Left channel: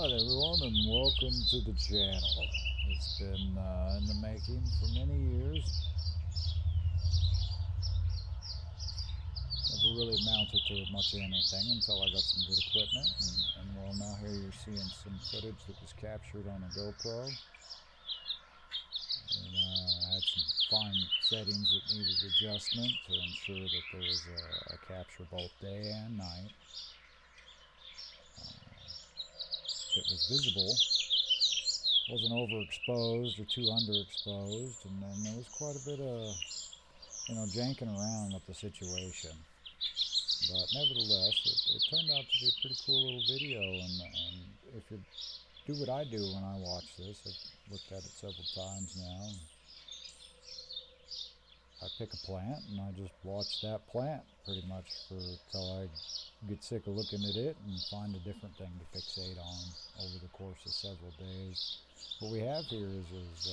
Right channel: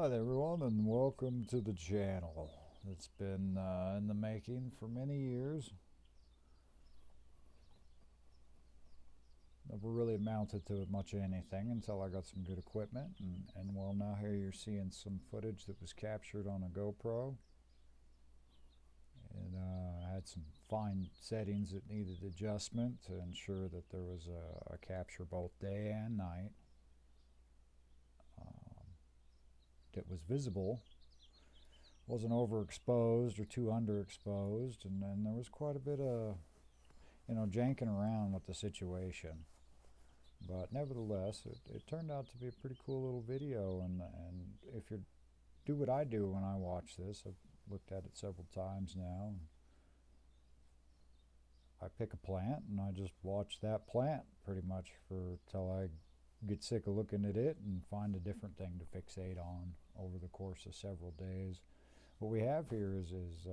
Alright everyone, and welcome to the channel. It's been in the making for many years. Never really amounted to much of anything until I got some good equipment, and well, now here you're seeing some footage that was captured on a GoPro. And I had some fine settings that needed adjustment to ensure that there was a capture both day and night. It was visible, wasn't overexposed or too underexposed, and then there was quite a bit of, janking around with the situation. But nevertheless, it turned out to be a pretty cool little video, and if you do what I do when I watch this, I've looked at it several times now. I pick a plant and I just watch that plant pretty much till I get sick of looking at it and find a different thing to fixate on over the course of several days. What we have here is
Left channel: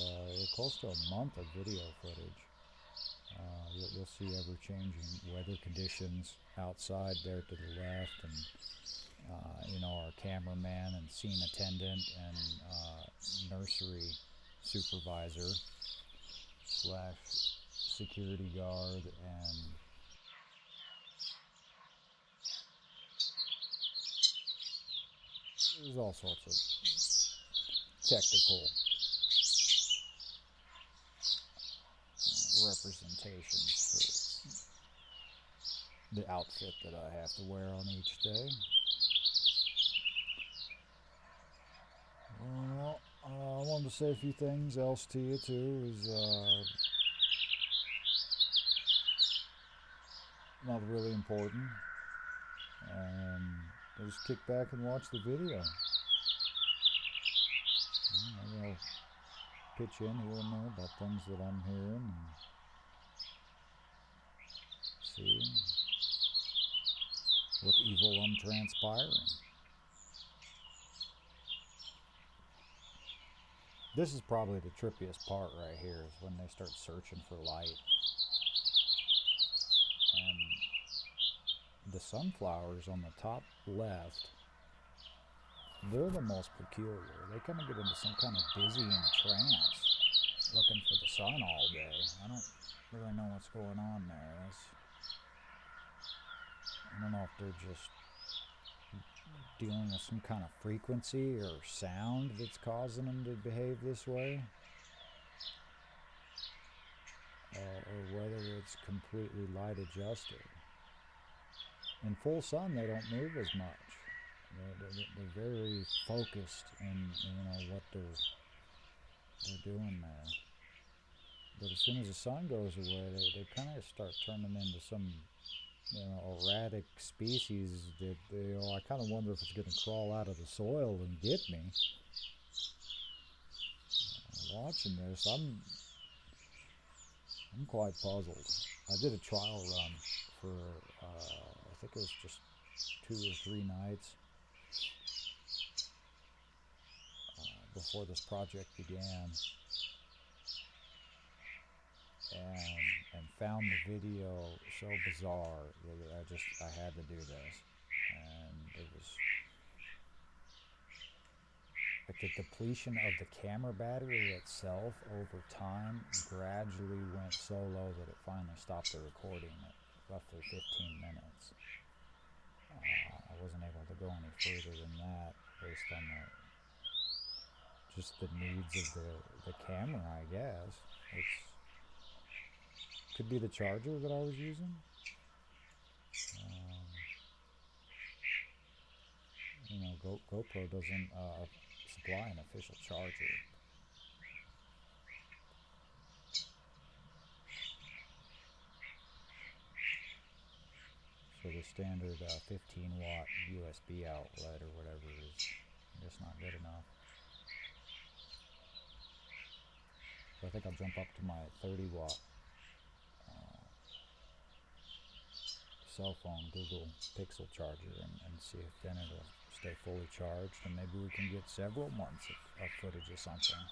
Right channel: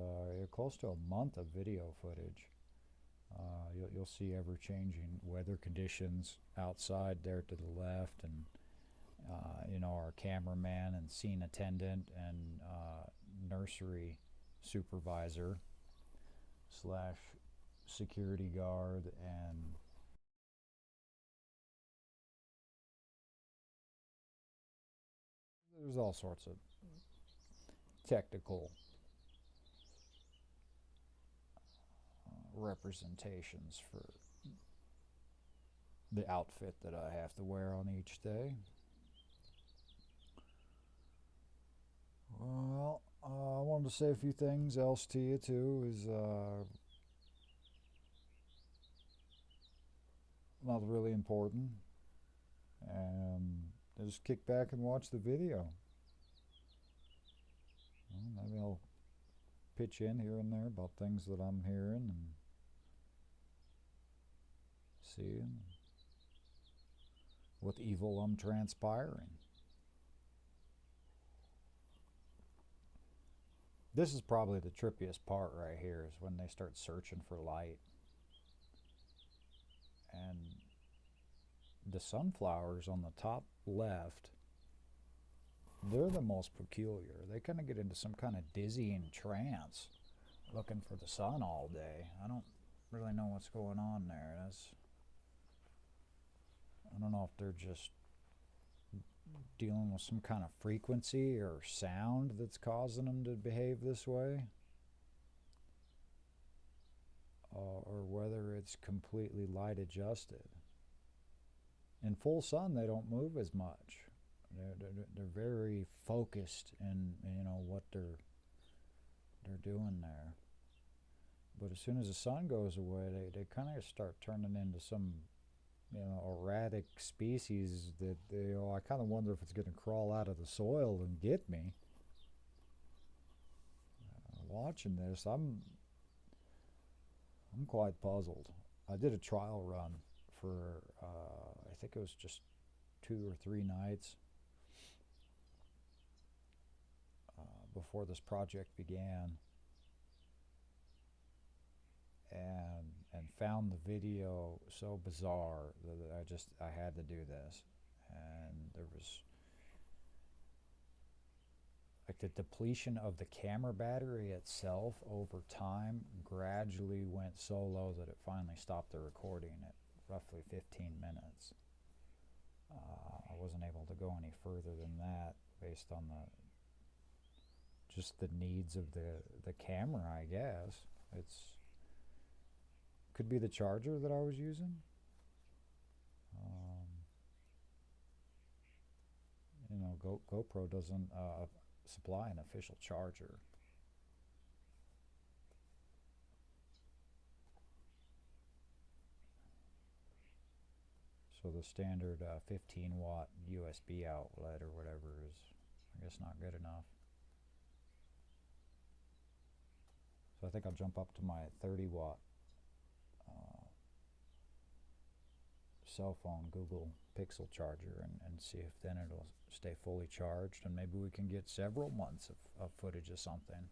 close to a month of video footage. You'll see ever-changing weather conditions outside there to the left, and our cameraman and scene attendant and nursery supervisor slash security guard, and there's all sorts of technical representations for the outfit that I have to wear on each day. Well, I wanted to say a few things else to you too. Is not really important, and just kick back and watch the video. Maybe I'll pitch in here and there about things that I'm hearing and seeing, what evil I'm transpiring. This is probably the trippiest part right here, is when they start searching for light. And the sunflowers on the top left, they're the most peculiar. They kind of get into some kind of dizzying trance, looking for the sun all day. I don't really know what's going on there. I don't know if they're just dealing with some kind of frequency or sound that's causing them to behave this way, or whether it's completely light adjusted. In full sun, they don't move as much. They're very focused in what they're doing there. But as soon as the sun goes away, they kind of start turning into some erratic species that I kind of wonder if it's going to crawl out of the soil and get me. Watching this, I'm quite puzzled. I did a trial run for I think it was just 2 or 3 nights before this project began, and found the video so bizarre that I had to do this. And it was like the depletion of the camera battery itself over time gradually went so low that it finally stopped the recording at roughly 15 minutes. I wasn't able to go any further than that based on just the needs of the camera, I guess. Could be the charger that I was using. GoPro doesn't supply an official charger. So the standard 15 watt USB outlet or whatever is, I guess, not good enough. So I think I'll jump up to my 30 watt cell phone Google Pixel charger and see if then it'll stay fully charged, and maybe we can get several months of footage of something.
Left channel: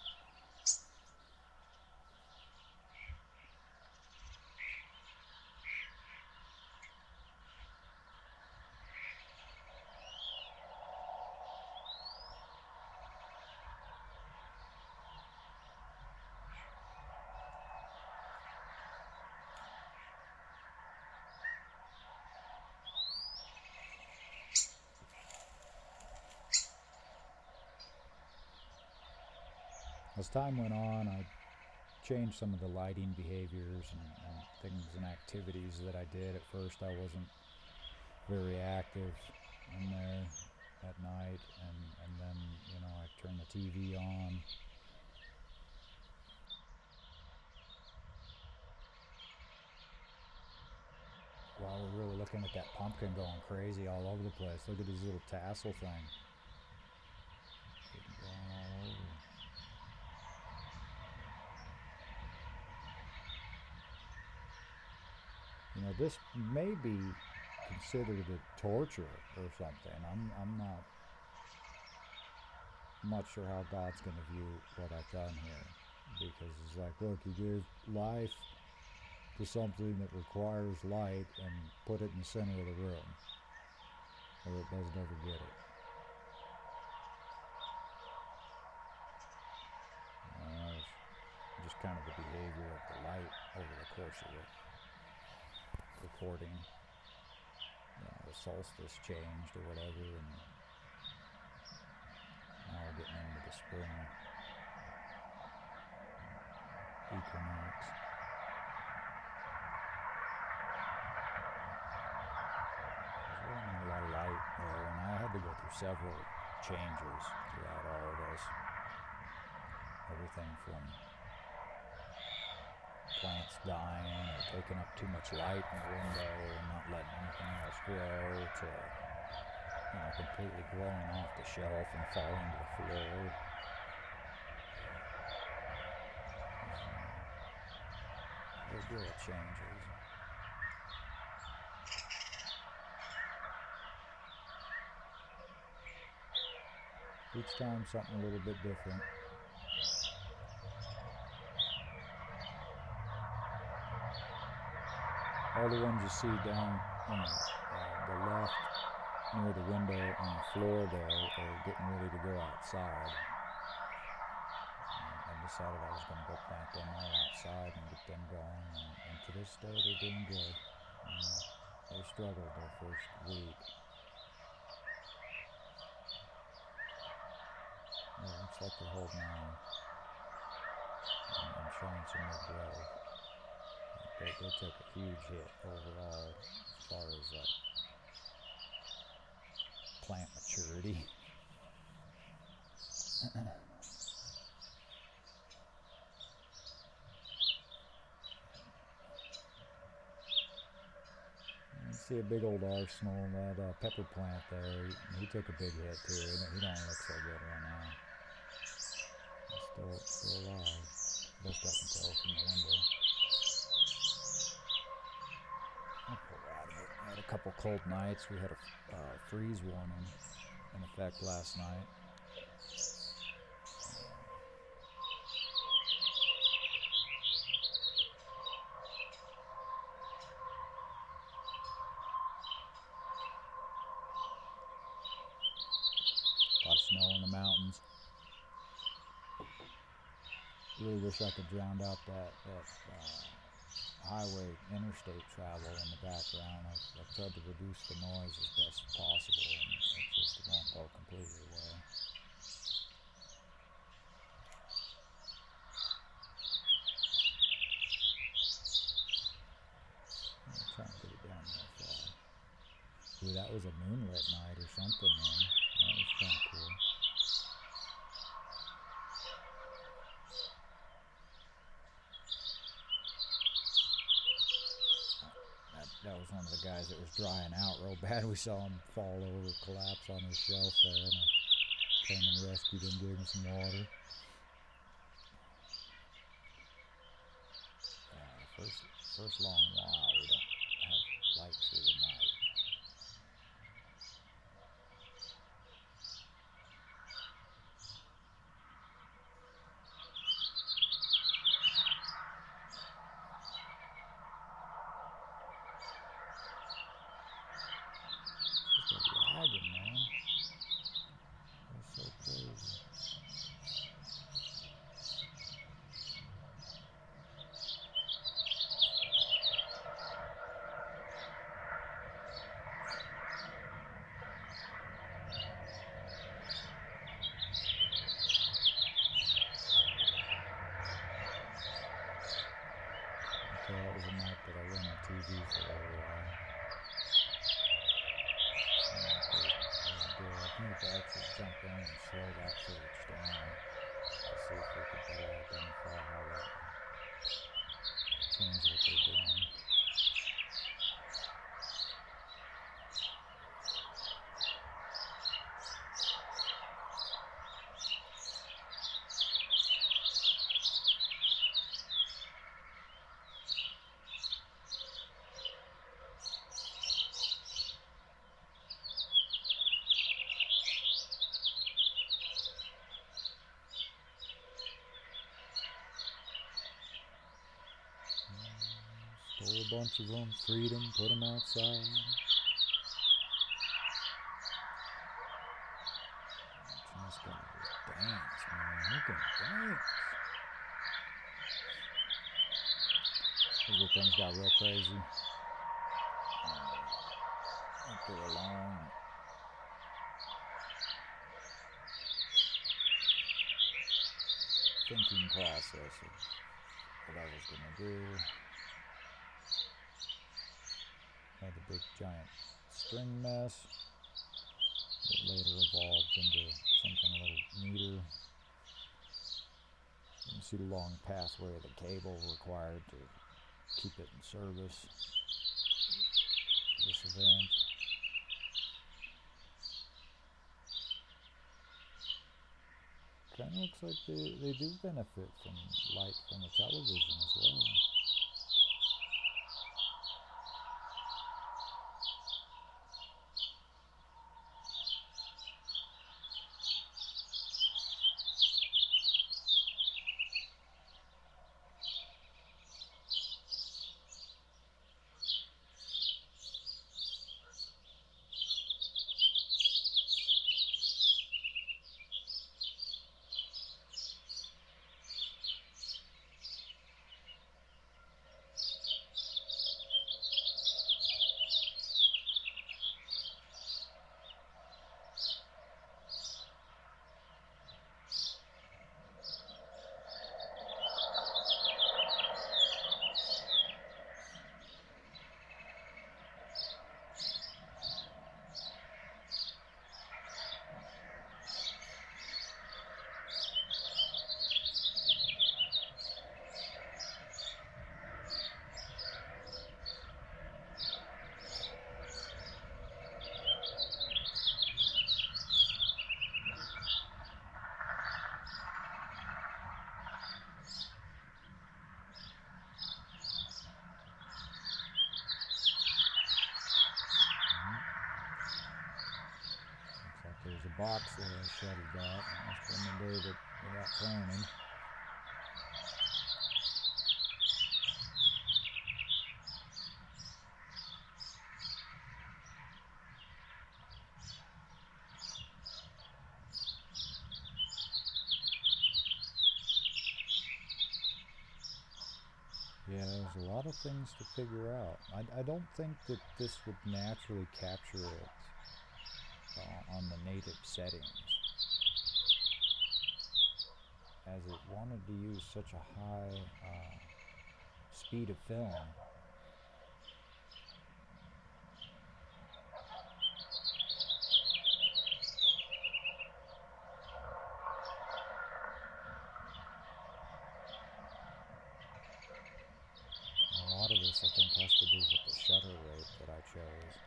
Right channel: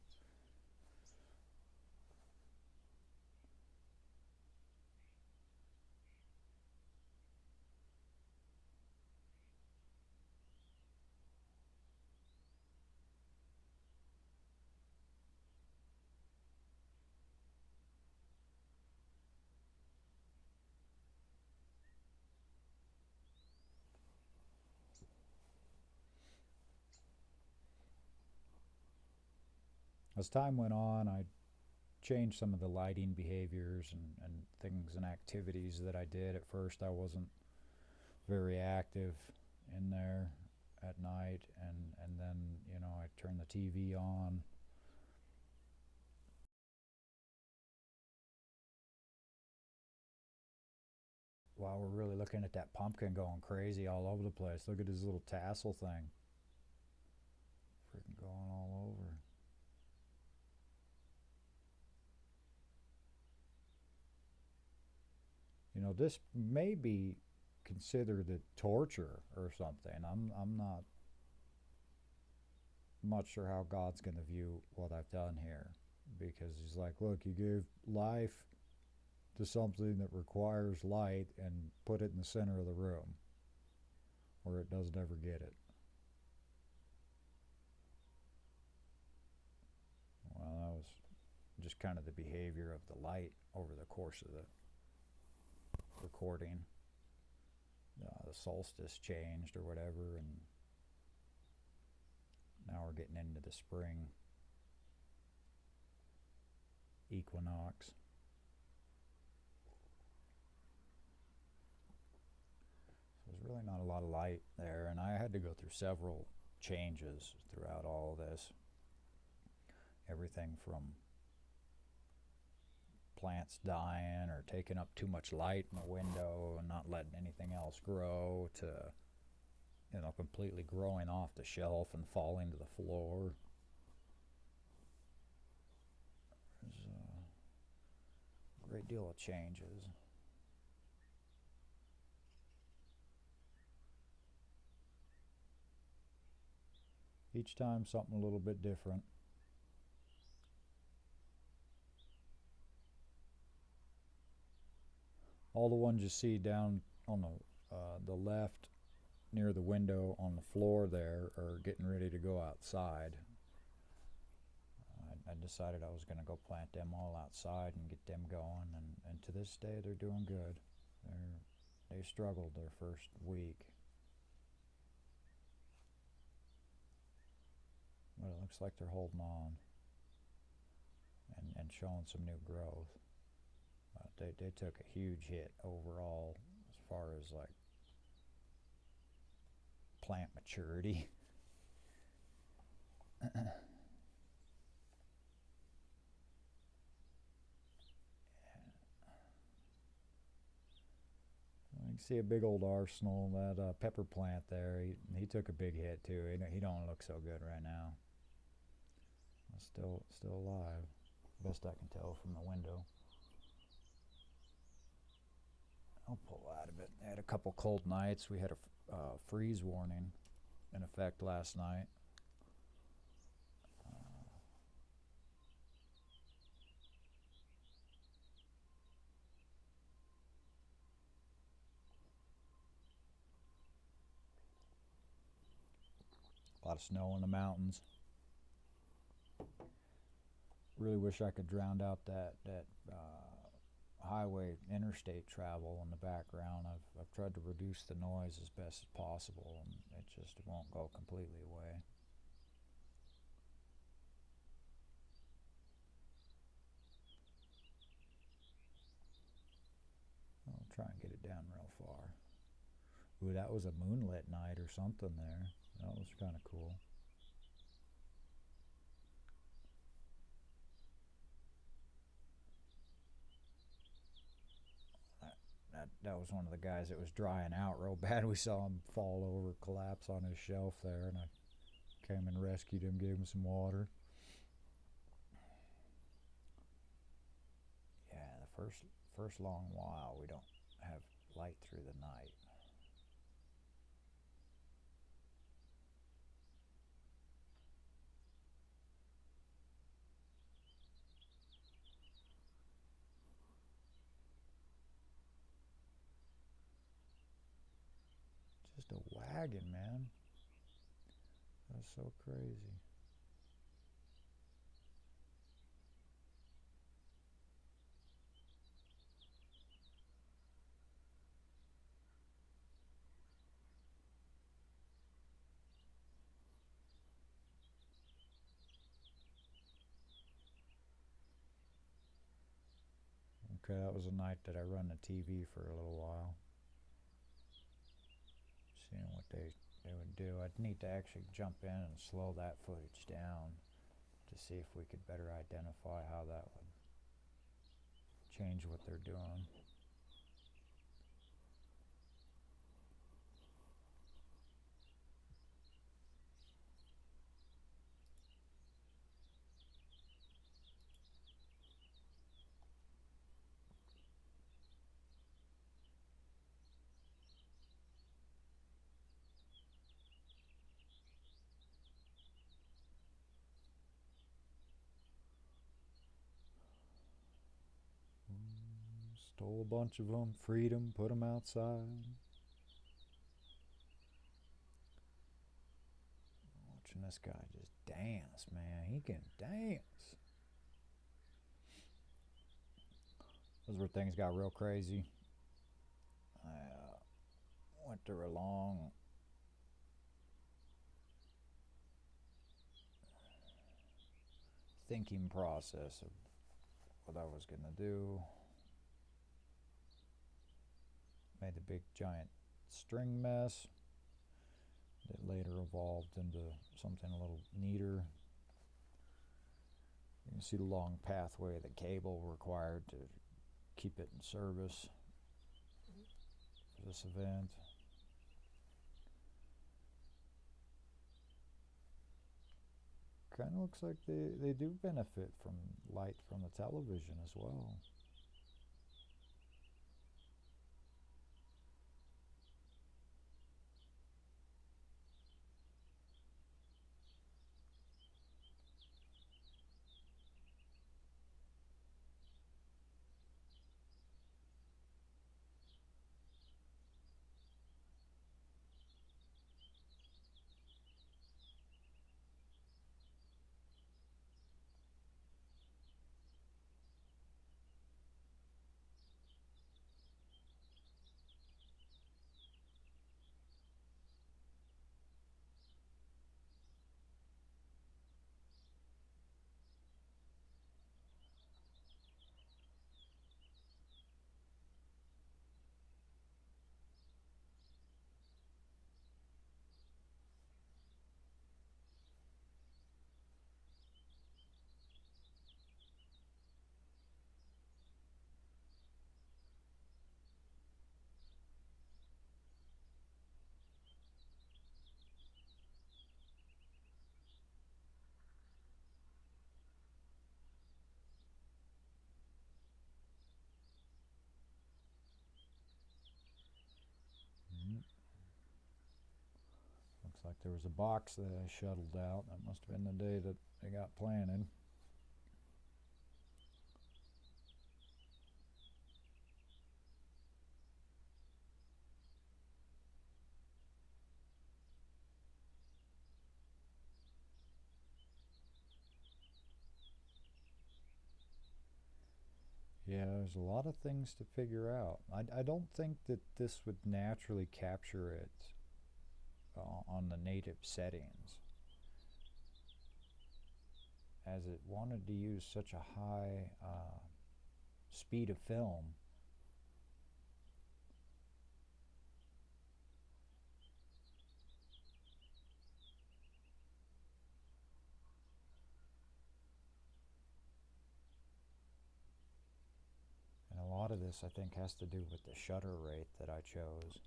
As time went on, I changed some of the lighting behaviors and things and activities that I did. At first, I wasn't very active in there at night, and then, you know, I turned the TV on. Wow, we're really looking at that pumpkin going crazy all over the place. Look at his little tassel thing. Going all over. You know, this may be considered a torture or something. I'm not sure how God's going to view what I've done here, because it's like, look, you gave life to something that requires light and put it in the center of the room, or it doesn't ever get it. Just kind of the behavior of the light over the course of the recording. The solstice changed or whatever, and now we're getting into the spring equinox. There's really not a lot of light there, and I had to go through several changes throughout all of this. Everything from plants dying or taking up too much light in the window and not letting anything else grow, to, you know, completely growing off the shelf and falling to the floor. A great deal of changes. Each time something a little bit different. All the ones you see down on the left near the window on the floor there are getting ready to go outside. I decided I was going to go plant them all outside and get them going, and to this day they're doing good. They struggled their first week. It looks like they're holding on and showing some new growth. They took a huge hit overall as far as like plant maturity. You see a big old arsenal. That pepper plant there, he took a big hit too. He don't look so good right now. He's still alive, best I can tell from the window. I'll pull out of it. I had a couple cold nights. We had a freeze warning in effect last night. A lot of snow in the mountains. Really wish I could drown out that highway interstate travel in the background. I've tried to reduce the noise as best as possible, and it just won't go completely away. I'll try and get it down that far. Ooh, that was a moonlit night or something, man. That was kind of cool. That was one of the guys that was drying out real bad. We saw him fall over, collapse on his shelf there, and I came and rescued him, gave him some water. Yeah, the first long while we don't have light through the night. Just a wagon, man. That's so crazy. was a night that I ran the TV for a little while. So what they do, I need to actually jump in and slow that footage down to see if we could better identify how that would change what they're doing. Stole a bunch of them, freed them, put them outside. Watching this guy just dance, man. He can dance. This is where things got real crazy. After a long thinking process of what I was going to do, made a big giant string mess that later evolved into something a little neater. You can see the long pathway of the cable required to keep it in service for this event. Kind of looks like they do benefit from light from the television as well. Looks like there's a box that I shuttled out. That must have been the day that they got planted. Yeah, there's a lot of things to figure out. I don't think that this would naturally capture it on the native settings, as it wanted to use such a high speed of film. And a lot of this, I think, has to do with the shutter rate that I chose.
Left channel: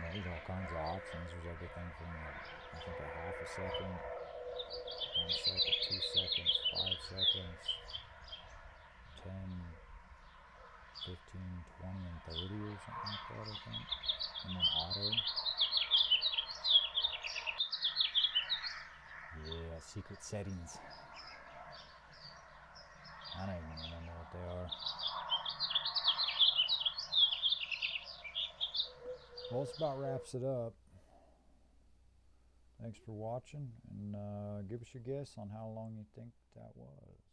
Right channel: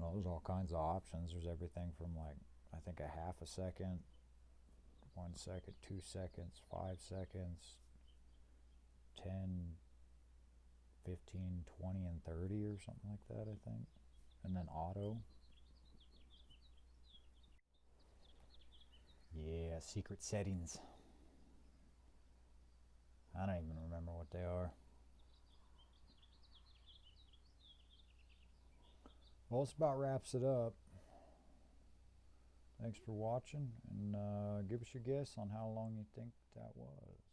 Well, there's all kinds of options. There's everything from, like, I think a half a second, 1 second, 2 seconds, 5 seconds, 10, 15, 20, and 30 or something like that, I think. And then auto. Yeah, secret settings. I don't even remember what they are. Well, this about wraps it up. Thanks for watching, and give us your guess on how long you think that was.